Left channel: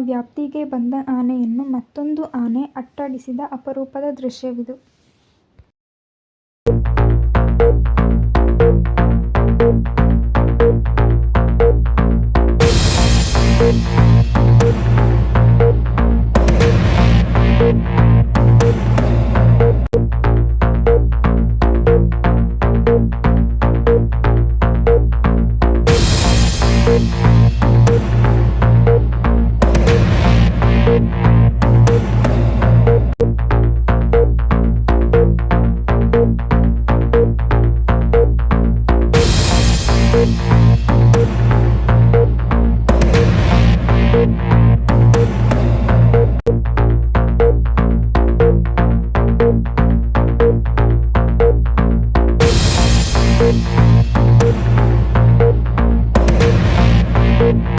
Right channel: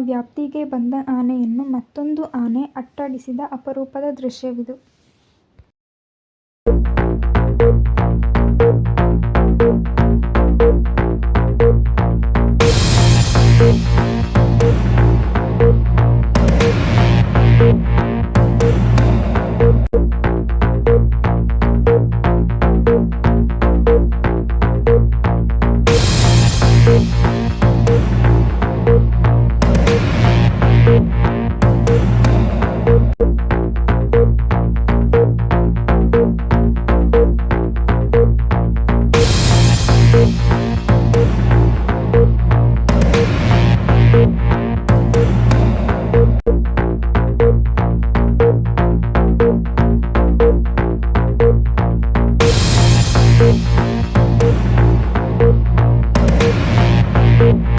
ವ್ಯಾಪ್ತಿಗೆ ಬಂದ ಆನೆಯನ್ನು ಮತ್ತೊಂದು ಆನೆ ಅಟ್ಟಾಡಿಸಿದ ಅಪರೂಪದ ದೃಶ್ಯವಿದು. Bye.